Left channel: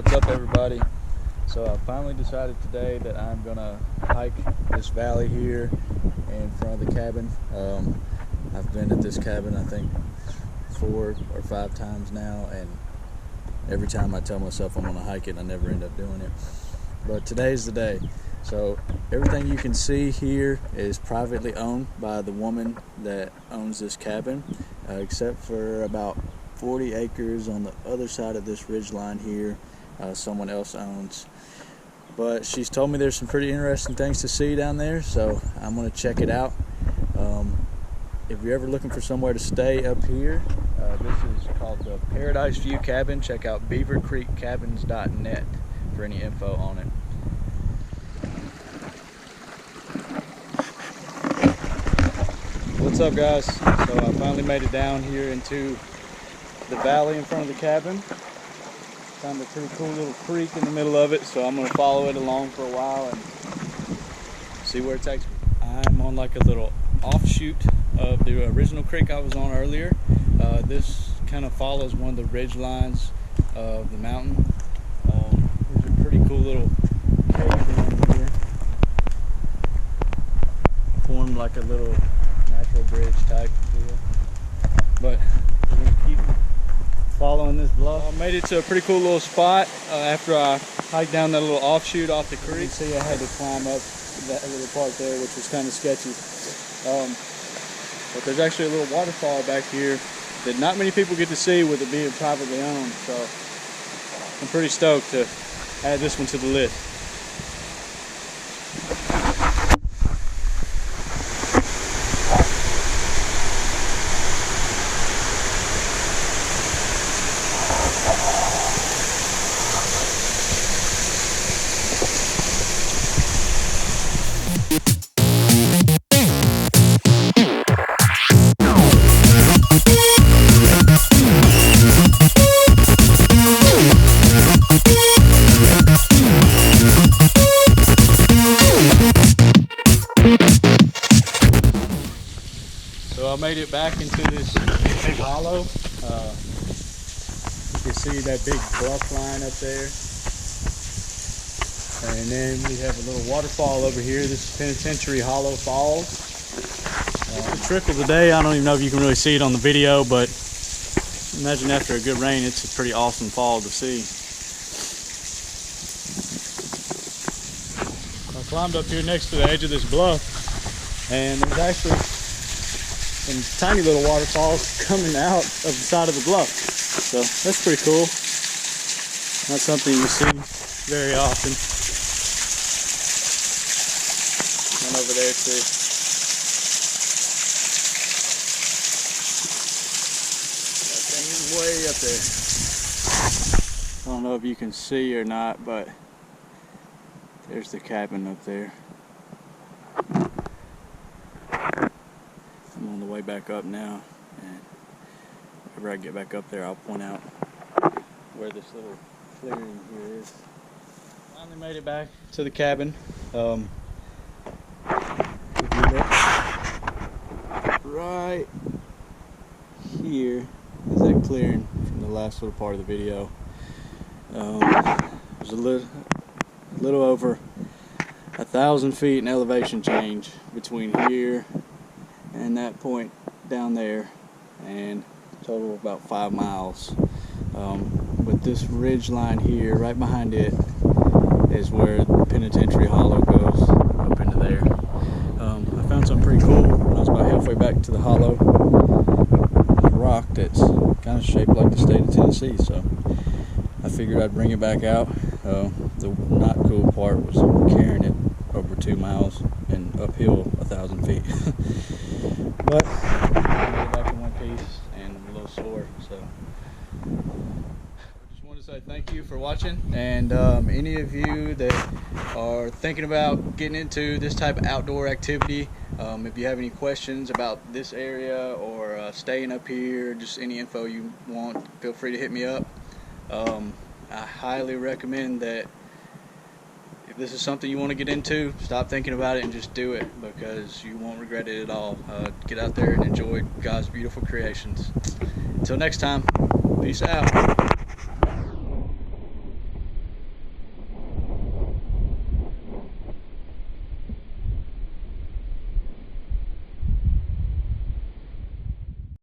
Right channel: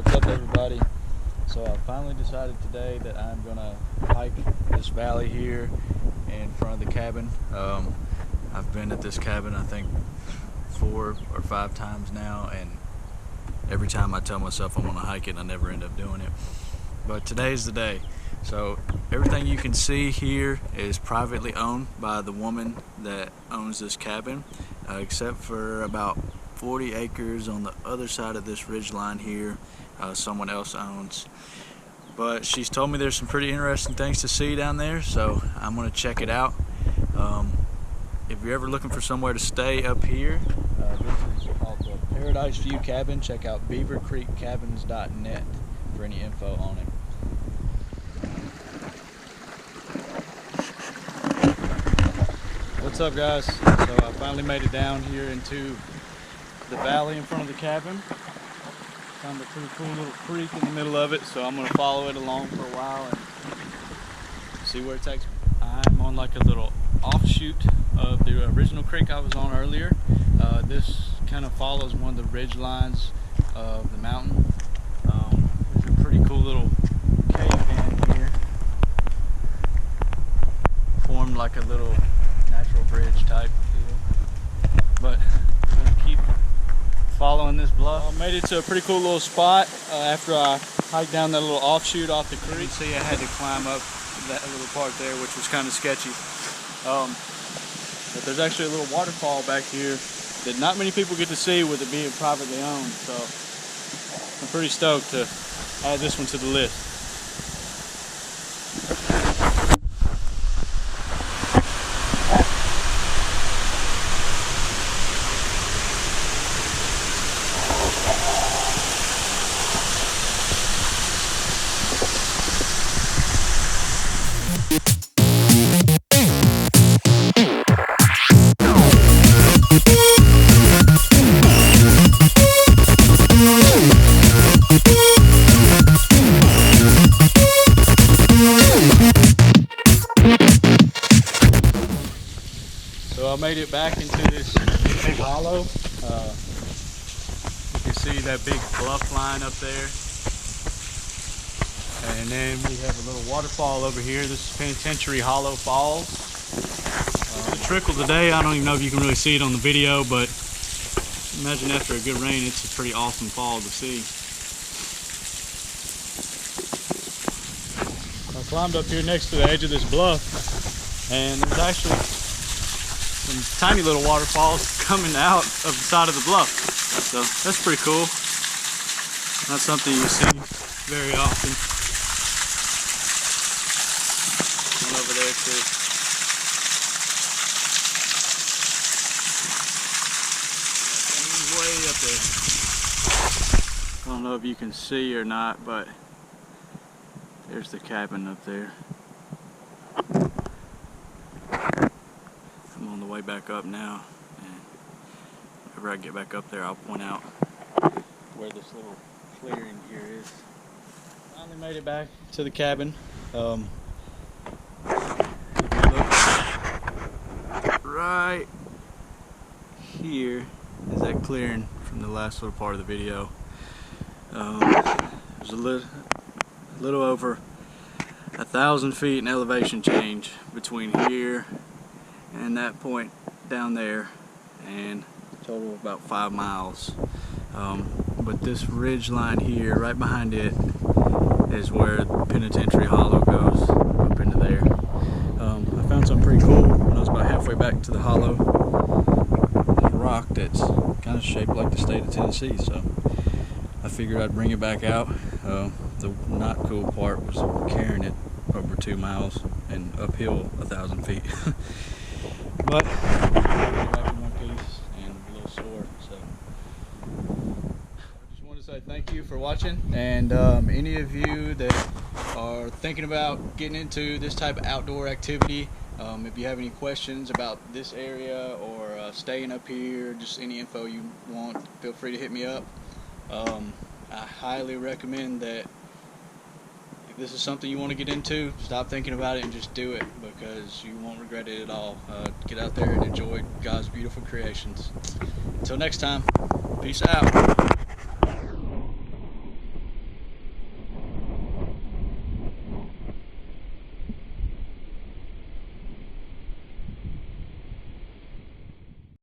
What's up, everybody? So I finally decided today that I'm gonna hike this valley here in front of the cabin. I've been at this cabin I think 4 or 5 times now, and every time I tell myself I'm gonna hike it, I never end up doing it. But today's the day. So everything you can see here is privately owned by the woman that owns this cabin, except for about 40 acres on the other side of this ridge line here. Someone else owns, but she's told me there's some pretty interesting things to see down there, so I'm going to check it out. If you're ever looking for somewhere to stay up here, this is called the Paradise View Cabin. Check out beavercreekcabins.net for any info on it. What's up, guys? So I finally made it down here into the valley in front of the cabin. Found a pretty cool little creek in the middle of it, so I'm going to follow it along for a while and see where it takes me. I'm on like a little offshoot of the original creek I was on earlier. This kind of follows one of the ridge lines of the mountain. There's a pretty cool little cave in here, formed like a little natural bridge type deal. But we're going to keep following this bluff. I made it to a pretty cool little spot after I hiked down that little offshoot off the creek. You can see I had to climb up that little part there, which was kind of sketchy. But there's actually a little waterfall back here that not many people get to see with it being privately owned. So I'm pretty stoked to add this one to the list. So I made it back into this big hollow. You can see that big bluff line up there. And then we have a little waterfall over here. This is Penitentiary Hollow Falls. It's a trickle today. I don't even know if you can really see it on the video, but imagine after a good rain, it's a pretty awesome fall to see. I climbed up here next to the edge of this bluff, and there's actually some tiny little waterfalls coming out of the side of the bluff. So that's pretty cool. Not something you see very often. One over there too. That thing's way up there. I don't know if you can see or not, but there's the cabin up there. I'm on the way back up now, and whenever I get back up there, I'll point out where this little clearing here is. Finally made it back to the cabin. If you look right here is that clearing from the last little part of the video. There's a little over 1,000 feet in elevation change between here and that point down there, and total of about 5 miles. But this ridge line here, right behind it, is where Penitentiary Hollow goes up into there. I found something pretty cool when I was about halfway back to the hollow. There's a rock that's kind of shaped like the state of Tennessee, so I figured I'd bring it back out. The not cool part was carrying it over 2 miles and uphill 1,000 feet. But I made it back in one piece, and I'm a little sore, so I just want to say thank you for watching. And any of you that are thinking about getting into this type of outdoor activity, if you have any questions about this area or staying up here, just any info you want, feel free to hit me up. I highly recommend that if this is something you want to get into, stop thinking about it and just do it, because you won't regret it at all. Get out there and enjoy God's beautiful creations. Until next time, peace out.